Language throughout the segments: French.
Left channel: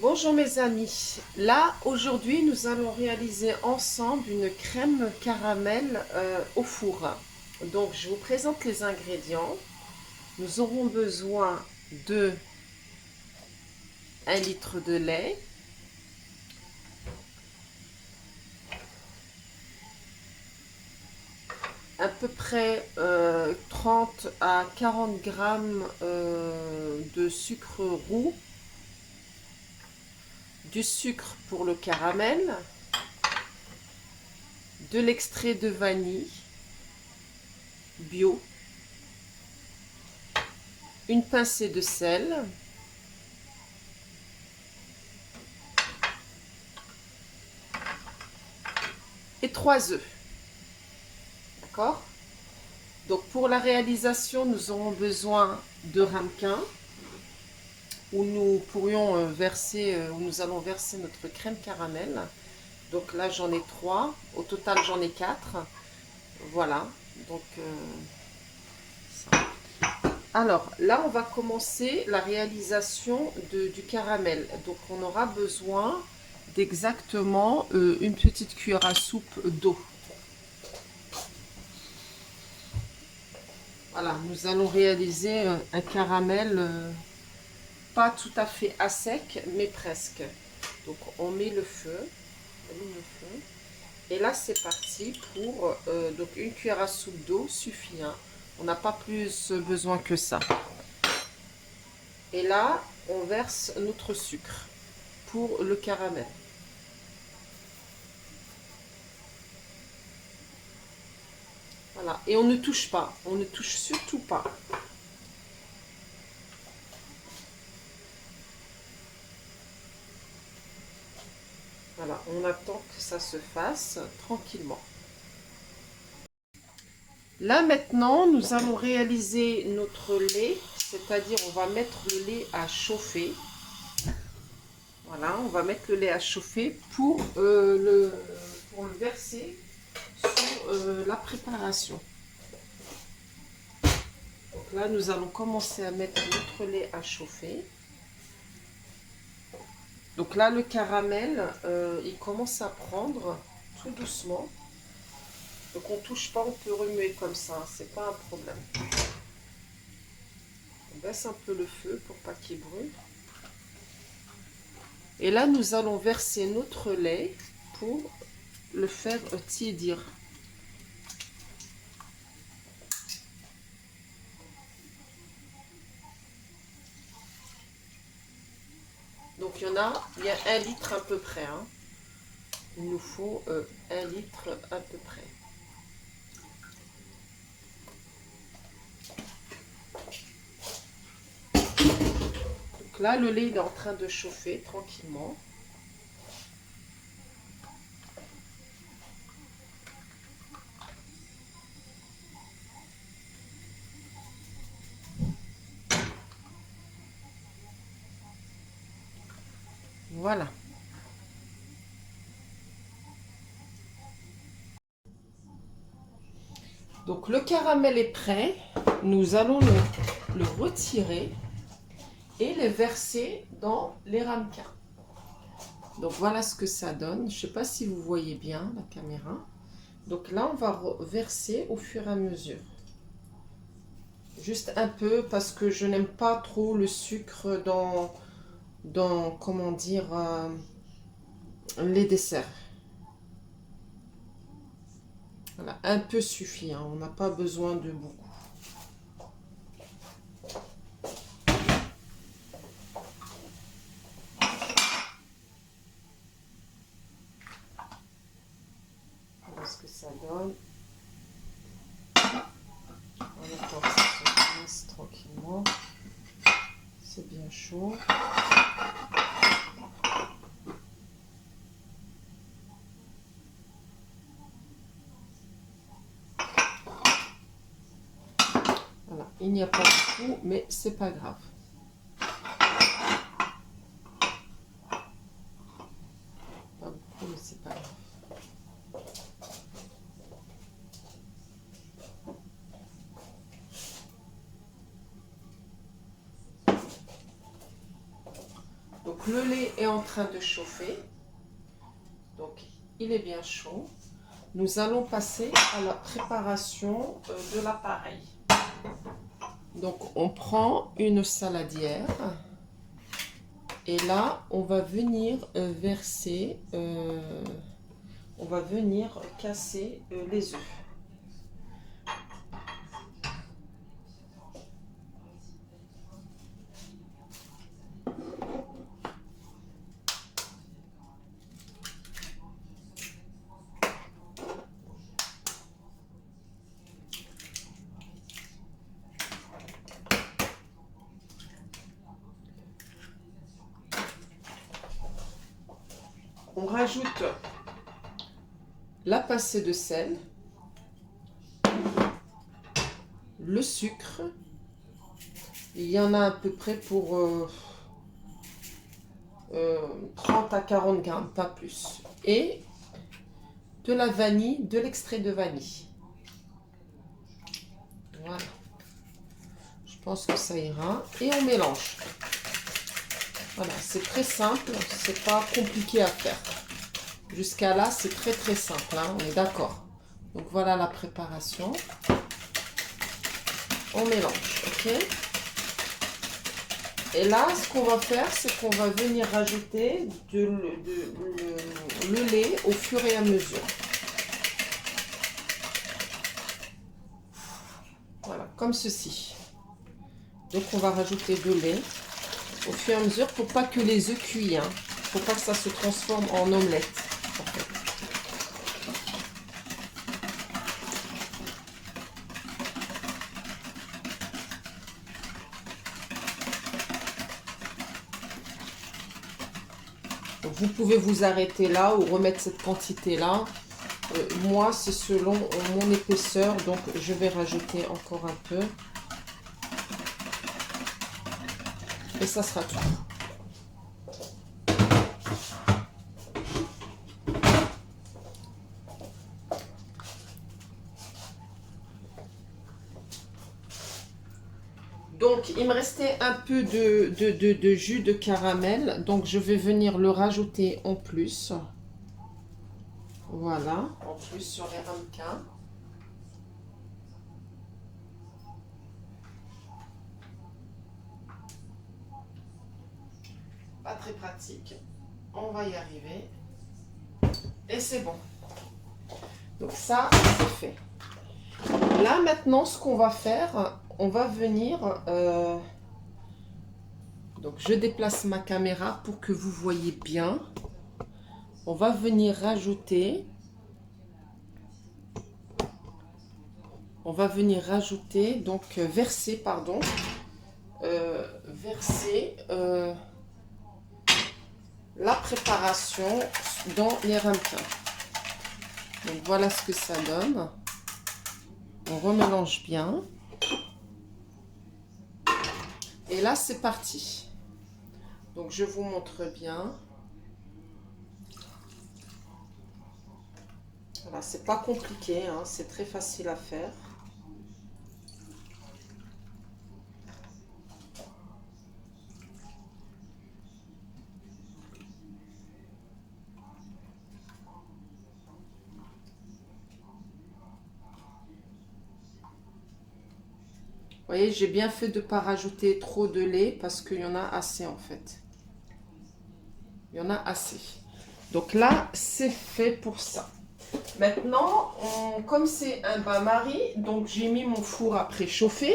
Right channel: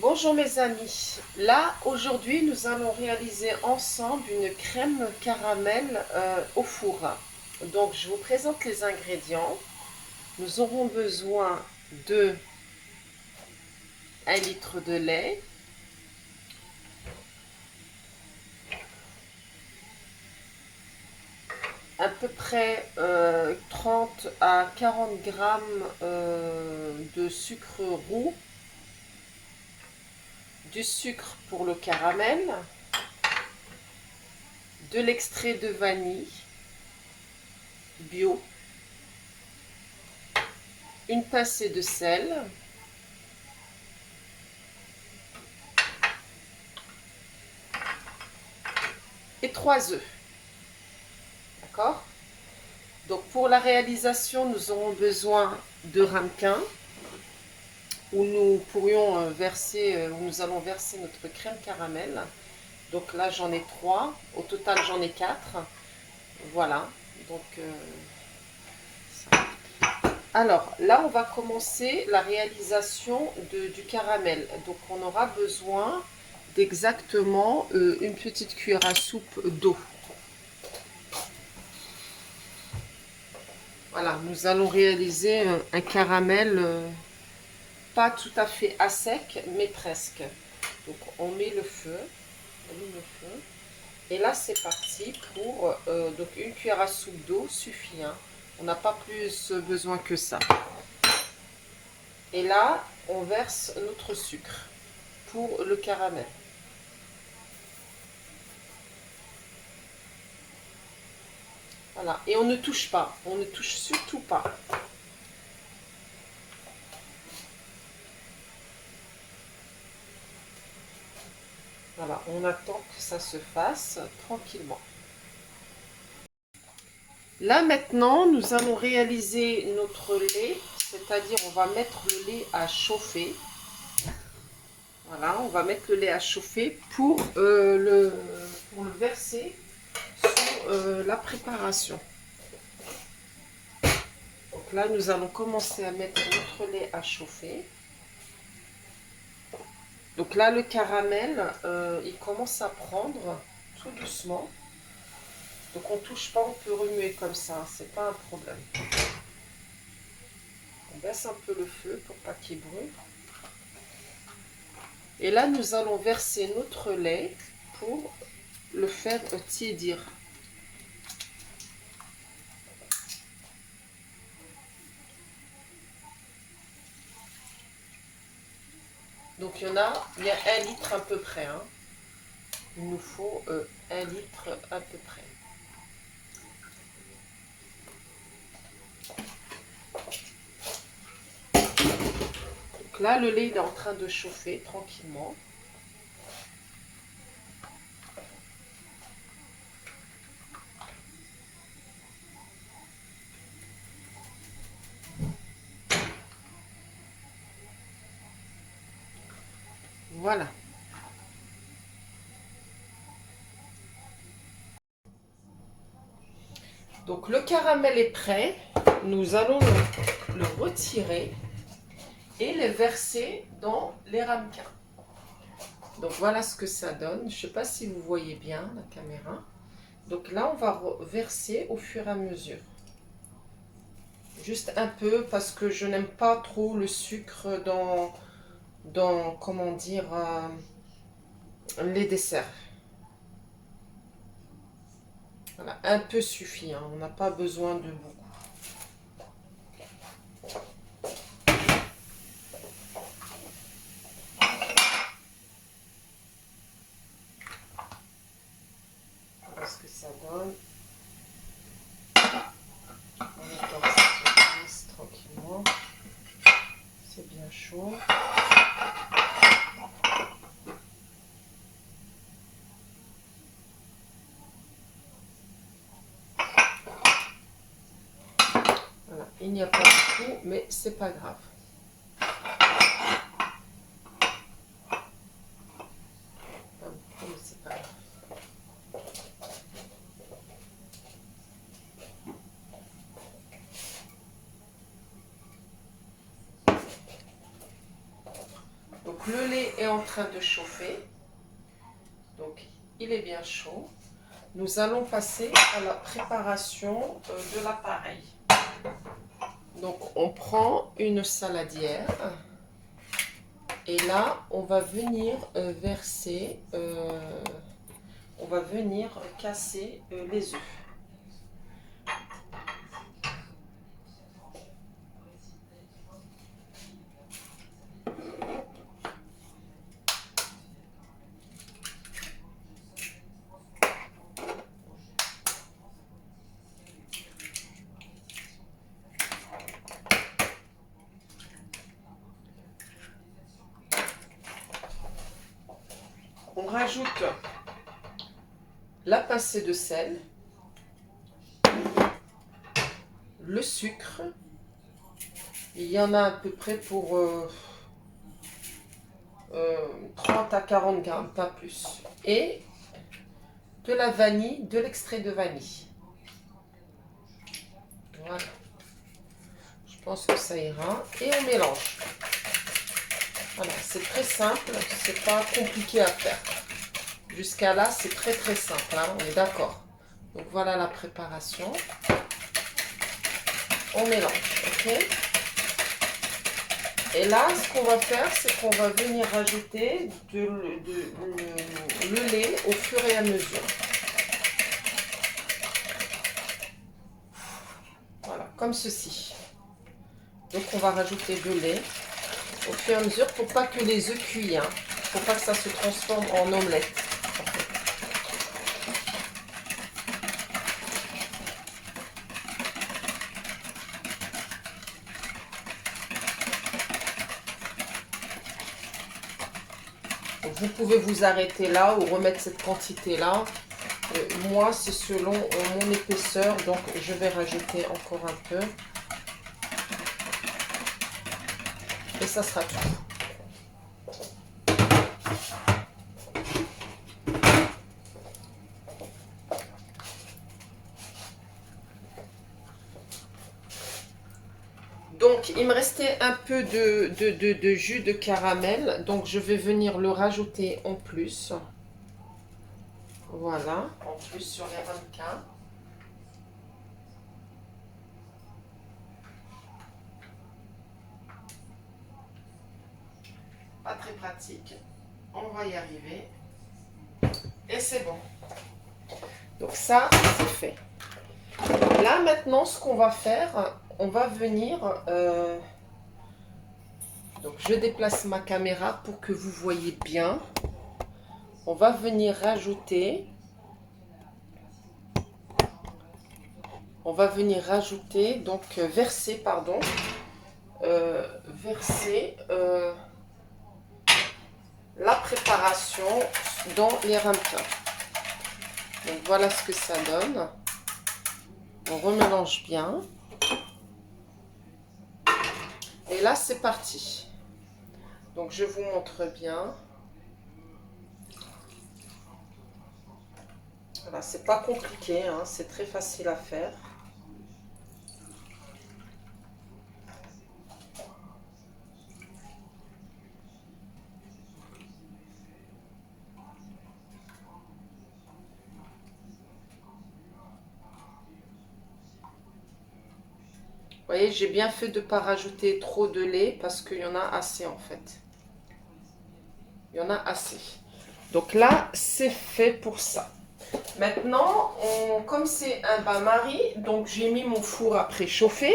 Bonjour mes amis, là aujourd'hui nous allons réaliser ensemble une crème caramel au four. Donc je vous présente les ingrédients. Nous aurons besoin de 1 litre de lait, à peu près 30 à 40 grammes de sucre roux, du sucre pour le caramel, de l'extrait de vanille bio, une pincée de sel, et 3 œufs. D'accord? Donc pour la réalisation, nous aurons besoin de ramequins où nous pourrions verser, où nous allons verser notre crème caramel. Donc là j'en ai 3, au total j'en ai 4. Voilà. Donc ça. Alors là on va commencer la réalisation du caramel. Donc on aura besoin d'exactement une petite cuillère à soupe d'eau. Voilà, nous allons réaliser un caramel pas tout à fait à sec, mais presque. Donc on met le feu, et là c'est parti pour donc une cuillère à soupe d'eau suffit. Hein. On n'a pas plus besoin que ça. Et là on verse notre sucre pour le caramel. Voilà, et on ne touche pas, on ne touche surtout pas. Voilà, on attend que ça se fasse tranquillement. Là maintenant, nous allons réaliser notre lait, c'est-à-dire on va mettre le lait à chauffer. Voilà, on va mettre le lait à chauffer pour le verser sur la préparation. Donc là, nous allons commencer à mettre notre lait à chauffer. Donc là, le caramel, il commence à prendre tout doucement. Donc on ne touche pas, on peut remuer comme ça, c'est pas un problème. On baisse un peu le feu pour pas qu'il brûle. Et là, nous allons verser notre lait pour le faire tiédir. Donc il y a 1 litre à peu près. Hein. Il nous faut 1 litre à peu près. Donc là, le lait il est en train de chauffer tranquillement. Voilà. Donc le caramel est prêt. Nous allons le retirer et le verser dans les ramequins. Donc voilà ce que ça donne. Je ne sais pas si vous voyez bien la caméra. Donc là, on va verser au fur et à mesure. Juste un peu parce que je n'aime pas trop le sucre dans comment dire, les desserts. Voilà, un peu suffit. Hein, on n'a pas besoin de beaucoup. Voilà ce que ça donne. On attend que ça se fasse tranquillement. C'est bien chaud. Voilà, il n'y a pas beaucoup, mais c'est pas grave. Pas beaucoup, mais c'est pas grave. Donc le lait est en train de chauffer. Donc, il est bien chaud. Nous allons passer à la préparation de l'appareil. Donc, on prend une saladière. Et là, on va venir verser, on va venir casser les œufs. On rajoute la pincée de sel, le sucre, il y en a à peu près pour 30 à 40 grammes, pas plus, et de la vanille, de l'extrait de vanille. Voilà, je pense que ça ira, et on mélange. Voilà, c'est très simple, c'est pas compliqué à faire. Jusqu'à là, c'est très très simple, hein, on est d'accord. Donc voilà la préparation. On mélange, ok? Et là, ce qu'on va faire, c'est qu'on va venir rajouter le lait au fur et à mesure. Voilà, comme ceci. Donc on va rajouter de lait au fur et à mesure pour pas que les œufs cuisent, hein. Faut pas que ça se transforme en omelette. En fait. Donc, vous pouvez vous arrêter là ou remettre cette quantité là. Moi, c'est selon mon épaisseur, donc je vais rajouter encore un peu. Et ça sera tout. Donc, il me restait un peu de jus de caramel. Donc, je vais venir le rajouter en plus. Voilà, en plus sur les ramequins. Pas très pratique. On va y arriver. Et c'est bon. Donc ça, c'est fait. Là, maintenant, ce qu'on va faire, on va venir... donc, je déplace ma caméra pour que vous voyez bien. On va venir rajouter... On va venir rajouter, donc verser, pardon, verser la préparation dans les ramequins. Donc voilà ce que ça donne. On remélange bien. Et là, c'est parti. Donc je vous montre bien. Voilà, c'est pas compliqué, hein, c'est très facile à faire. Vous voyez, j'ai bien fait de ne pas rajouter trop de lait parce qu'il y en a assez en fait. Il y en a assez. Donc là, c'est fait pour ça. Maintenant, comme c'est un bain-marie, donc j'ai mis mon four à préchauffer.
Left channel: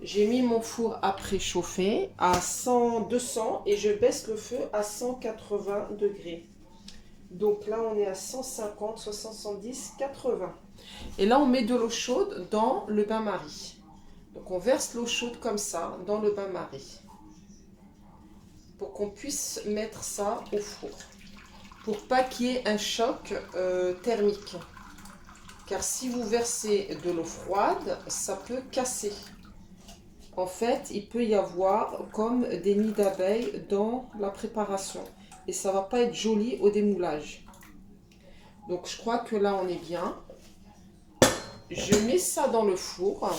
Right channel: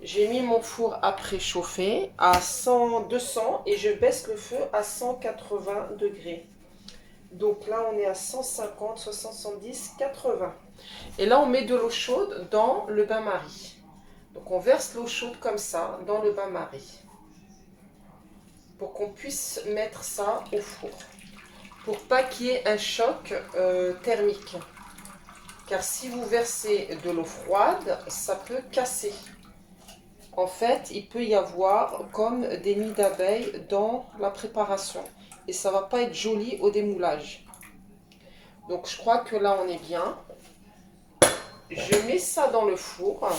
J'ai mis mon four à préchauffer à 100, 200 et je baisse le feu à 180 degrés. Donc là, on est à 150, 70, 80. Et là, on met de l'eau chaude dans le bain-marie. Donc on verse l'eau chaude comme ça dans le bain-marie. Pour qu'on puisse mettre ça au four. Pour pas qu'il y ait un choc thermique. Car si vous versez de l'eau froide, ça peut casser. En fait, il peut y avoir comme des nids d'abeilles dans la préparation. Et ça va pas être joli au démoulage. Donc je crois que là on est bien. Je mets ça dans le four.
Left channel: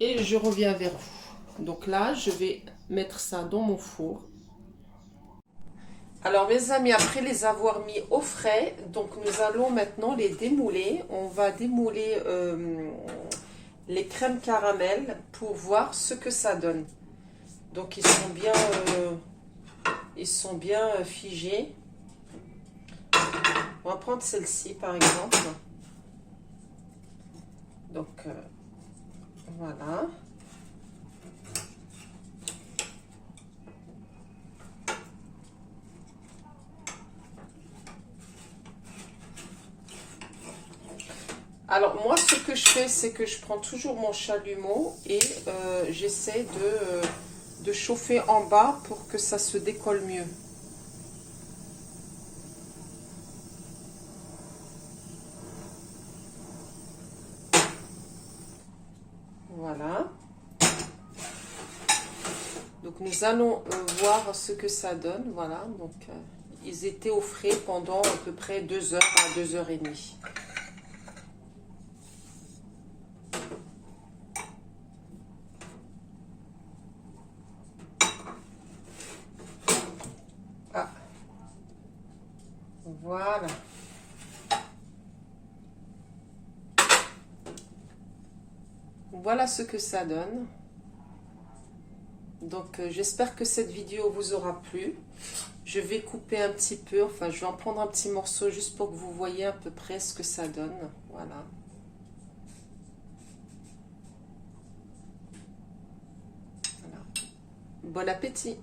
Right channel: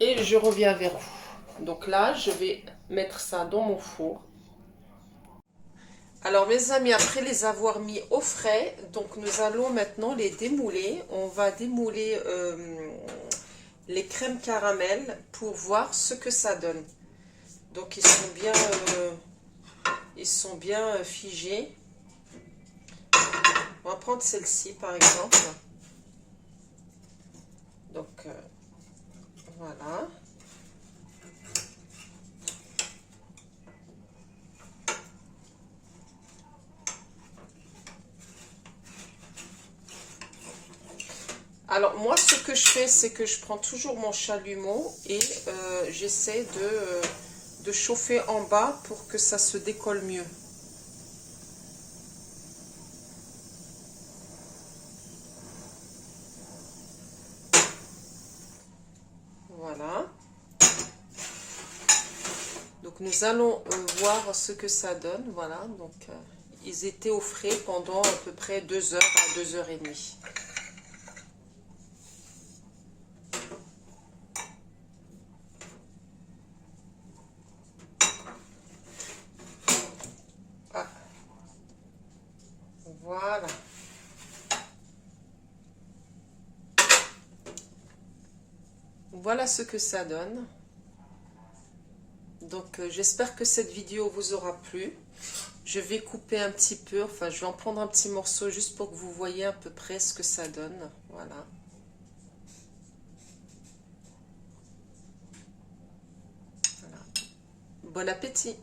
Et je reviens vers vous. Donc là, je vais mettre ça dans mon four. Alors mes amis, après les avoir mis au frais, donc nous allons maintenant les démouler. On va démouler les crèmes caramel pour voir ce que ça donne. Donc ils sont bien figés. On va prendre celle-ci par exemple. Donc voilà. Alors moi ce que je fais, c'est que je prends toujours mon chalumeau et j'essaie de chauffer en bas pour que ça se décolle mieux. Voilà. Donc nous allons voir ce que ça donne. Voilà, donc ils étaient au frais pendant à peu près 2 heures à 2h30. Ah, voilà. Voilà ce que ça donne. Donc j'espère que cette vidéo vous aura plu. Je vais couper un petit peu, enfin je vais en prendre un petit morceau juste pour que vous voyez à peu près ce que ça donne. Voilà. Voilà. Bon appétit!